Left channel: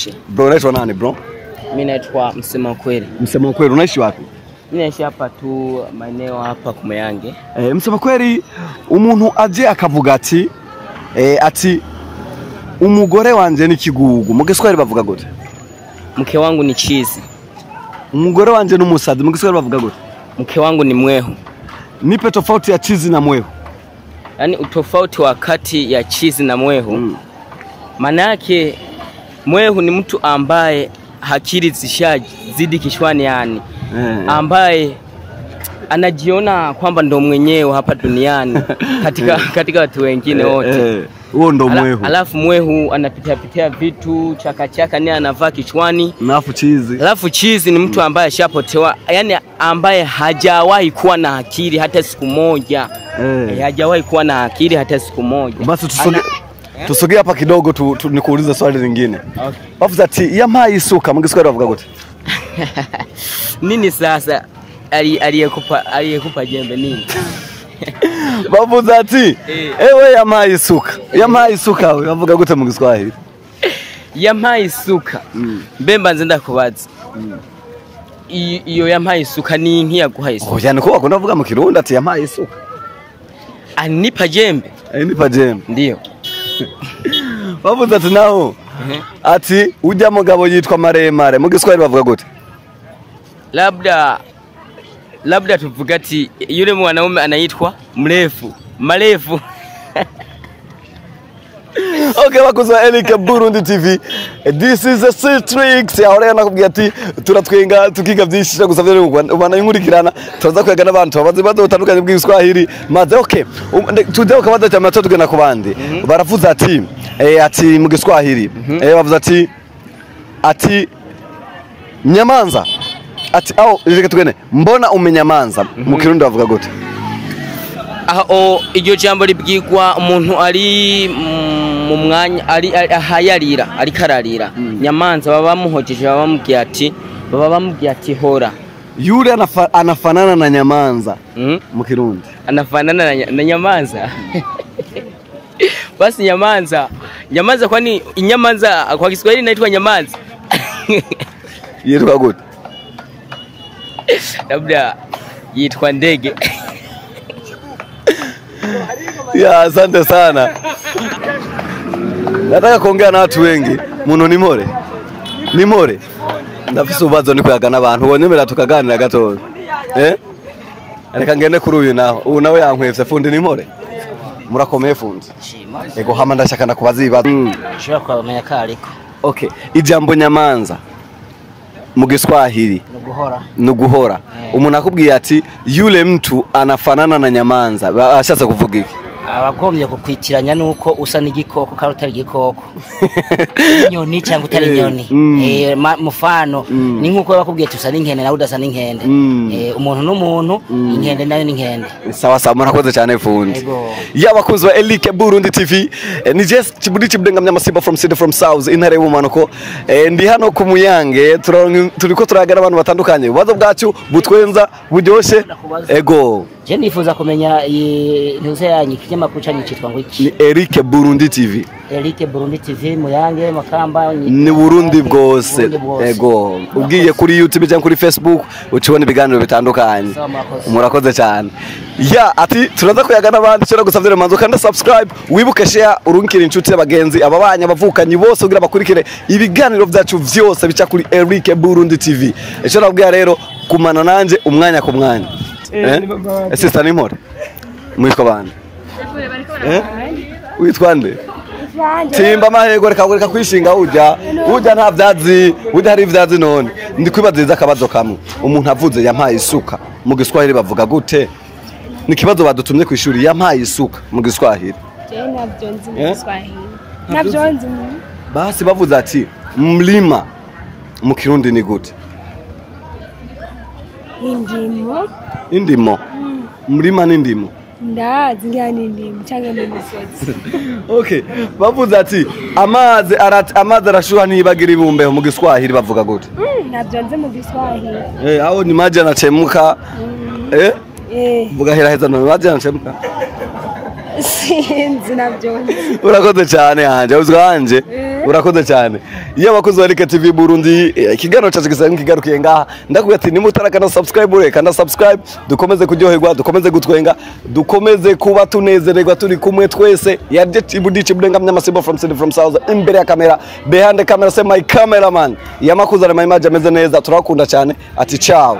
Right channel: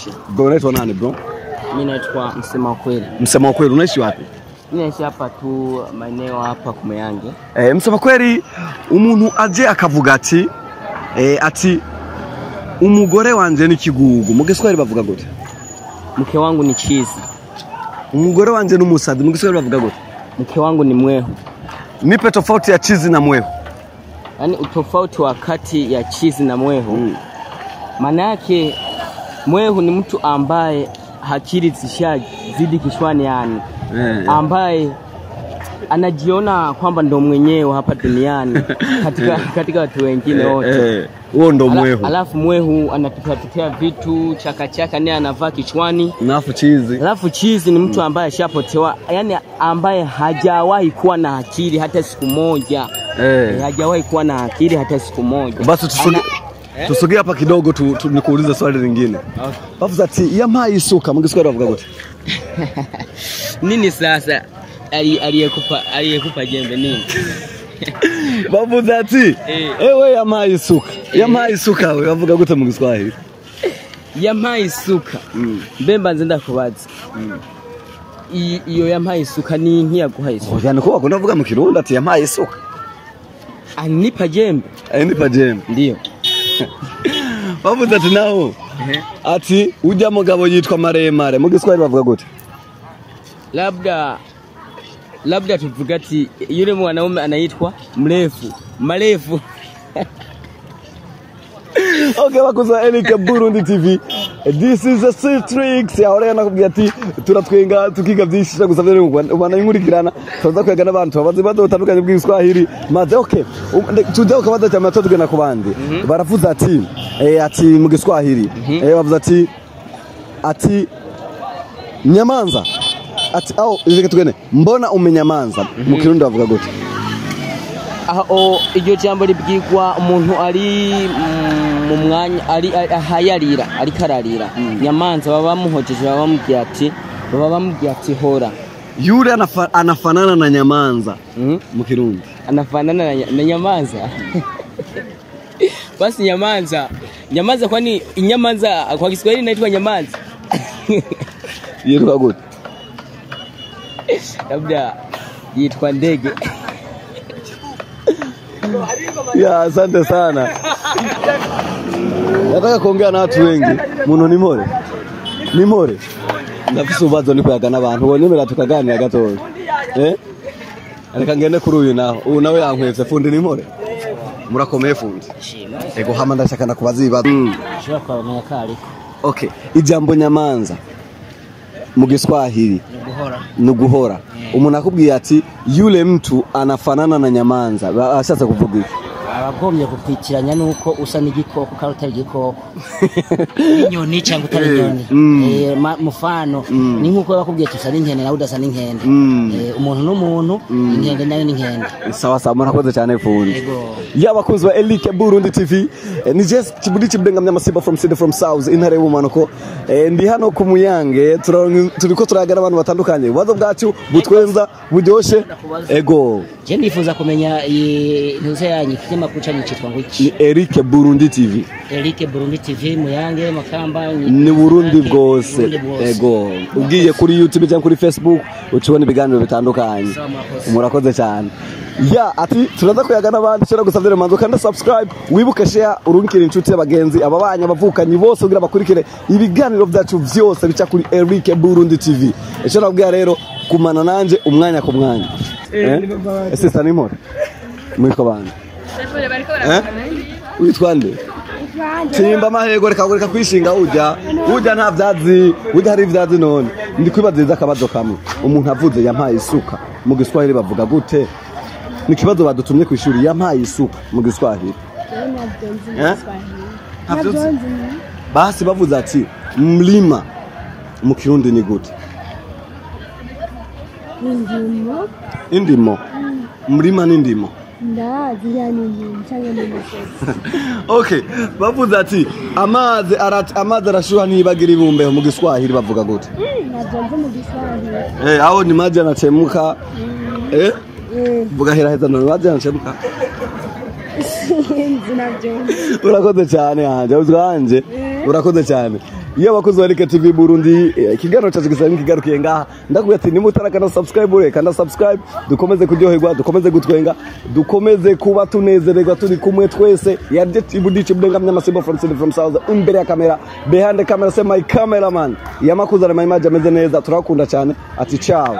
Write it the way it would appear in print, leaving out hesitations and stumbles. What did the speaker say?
fresh. Bro, unaitwa nani bro? Mimi naitwa Msema Kweli. Msema Kweli, unaishi wapi? Mimi naishi hapa tu maeneo hapa Kumayange. Msema Kweli, umuntu aje akavuga ati umugore wanje ni kigugu. Mu Giswahili bavuga gute? Mke wangu ni chizi. Umugore wanje ni umusazi. Mu Giswahili bavuga gute? Mke wangu ni mwehu. Nipe tofauti ya chizi na mwehu. Yaani utofauti wakati ya chizi na mwehu. Maana yake mwehu ni mtu ambaye akili zishazidi kichwani, yani ambaye anajiona kwamba ndo mwenyewe hapa duniani katika watu wengine wote. Huo ndo mwehu. Alafu mwehu anapita vitu chaka ni anavaa kichwani. Alafu chizi ni mtu ambaye ashapotewa, yani ambaye hajawahi kuwa na akili hata siku moja. Hajawahi kuwa na akili hata siku moja. Basi tusogee hapa kidogo nikuulize swali lingine. Bavuze ati yampaye isuka. Mu Giswahili bavuga gute? Nini sasa aliyekupa jembe nini? Bavuze ati ewe yampaye isuka. Yampaye isuka we bavuga gute mu Giswahili? Yampaye isuka. Mbemba nzenda kubaza. Iyo yampaye isuka ni inki yaguhaye isuka? Yani ko bakunda kuvuga mu Kirundi ati yampaye isuka. Anipa jembe. Anipa jembe. Ndio. Bavuze ati naho ati ujya mugabo yitwa maremare. Mu Giswahili bavuga gute? Labda tuvuga ati yule mwanaume anaitwa marefu. Okay, bakuzwa Elike Burundi TV. This is a Street Tricks. Ahora nakubwiye ati turatwenga tukiga byinshi cyo gusavye ubana inkurikirana turaza kwiga n'abantu babaze batandukanye bw'Igiswahili. Maze okay. Today ukabaza cyane tugena ku bandi. Baravuze ati mu Giswahili. Bavuze ati nyamanza. Ati reka tugene mbona umenyamanza. Mu Kirundi bavuga gute? Iryo jambo libwirwa umuntu ari mu mwanya ahayarira ari kararira. Nyamanza baba bamuhojeje baba bamubwiye ati hora. Yule anafanana na nyamanza mu Kirundi. Anafanana na nyamanza. Basi nyamanza kwani inyamanza kwa Kiswahili inaitwa nyamanza? Yitwa gute? Labda yitwa ndege. Ya, asante sana. Nataka kuongea na watu wengi. Muno ni more. Ndafise ubazo ni kuyaga n'abantu. Wonyemera tukaganira gato. Reka ngende kuri uyu naho. Uyu nawe yankwevye fundi ni more. Murakomeye fundi. Ego hama ndashaka nakubaza ibibazo. Shaka kumenya kariko. Okay, ijambo nyamanza mu Giswahili nuguhora. Umuntu akubwiye ati yule mtu anafanana na nyamanza, ashatse kuvuga iki? Abagombye kupitiranya nuko usa n'igikoko kandi utari igikoko. Nyoni cyangwa utari nyoni. Mufano ni nkuko bakubwiye tusa n'inkende nawe udasa n'inkende. Umuntu n'umuntu, inkende nayo n'inkende. Sawa murakoze cyane fundi. Yabakunzi wa Elike Burundi TV. Ni just kibudi kibudenga mnyamasiba from South intare y'umanuko. Ndi hano ku Muyange turiko turagara abantu batandukanye. Ubazo bwacu butwenza buryoshe. Ego. Je nifuza kumenya ntuze yanyu kinyamakuru cyane cyitwa ngo iki? Ni Elike Burundi TV. Elike Burundi TV Muyange Makamba ni Burundi bwose. Ego. Ugiye kuri YouTube cyangwa kuri Facebook ucibona ibiganiro bitandukanye. Murakoze cyane. Ya ati turaza kuyaga n'abandi cyo gusavye manzo kandi subscribe wibuke share urunkira inshuti y'abagenzi ababanya bavukanye bose kugira bakurikire ibiganiro byacu vyose bica kuri Elike Burundi TV. Ejo nabwiye rero kumana nanje umwanya ku mwanya. Sister ni more. Mwiko bana. Witwa nde? Timba amahego reka kwishinga ujya nta vyazi hari vyazi none ndi kwibaziza akabazo kamwe. Umuntu avuze yampaye isuka mu Giswahili bavuga gute? Ni kibazo badutumye ku ishuri yampaye isuka mu Giswahili. Basi bavuze ati mlima mu Kirundi ni gute? Indimo. Mlima ni ndimo. Ndazi ngani ndimo cyangwa n'umusozi. Okay, bavuze ati amazi arashuha nibagira ibumbe mu Giswahili bavuga gute? Nabyonze mu Giswahili. Aho ni maji yanachemka. Vuga heza no maji yanachemka. Sinzi nabyonze. Urakoze cyane hanje uzwanje. urakoze cyane iyo abakozi wa Erika TV Burundi ikiganiro cyacu gisanga kigarukiye ngaha ndakubwira ati nimutarakana subscribe kana subscribe dukomeze kuryoherwa dukomeze gutwenga dukomeze kuba tunezererwa turi kumwe twese ya Dichi Budenga mnyamasimbo from city from south imbere ya kamera behind the camera say my cameraman yamakuzana my image ameze neza turakunda cyane ati ciao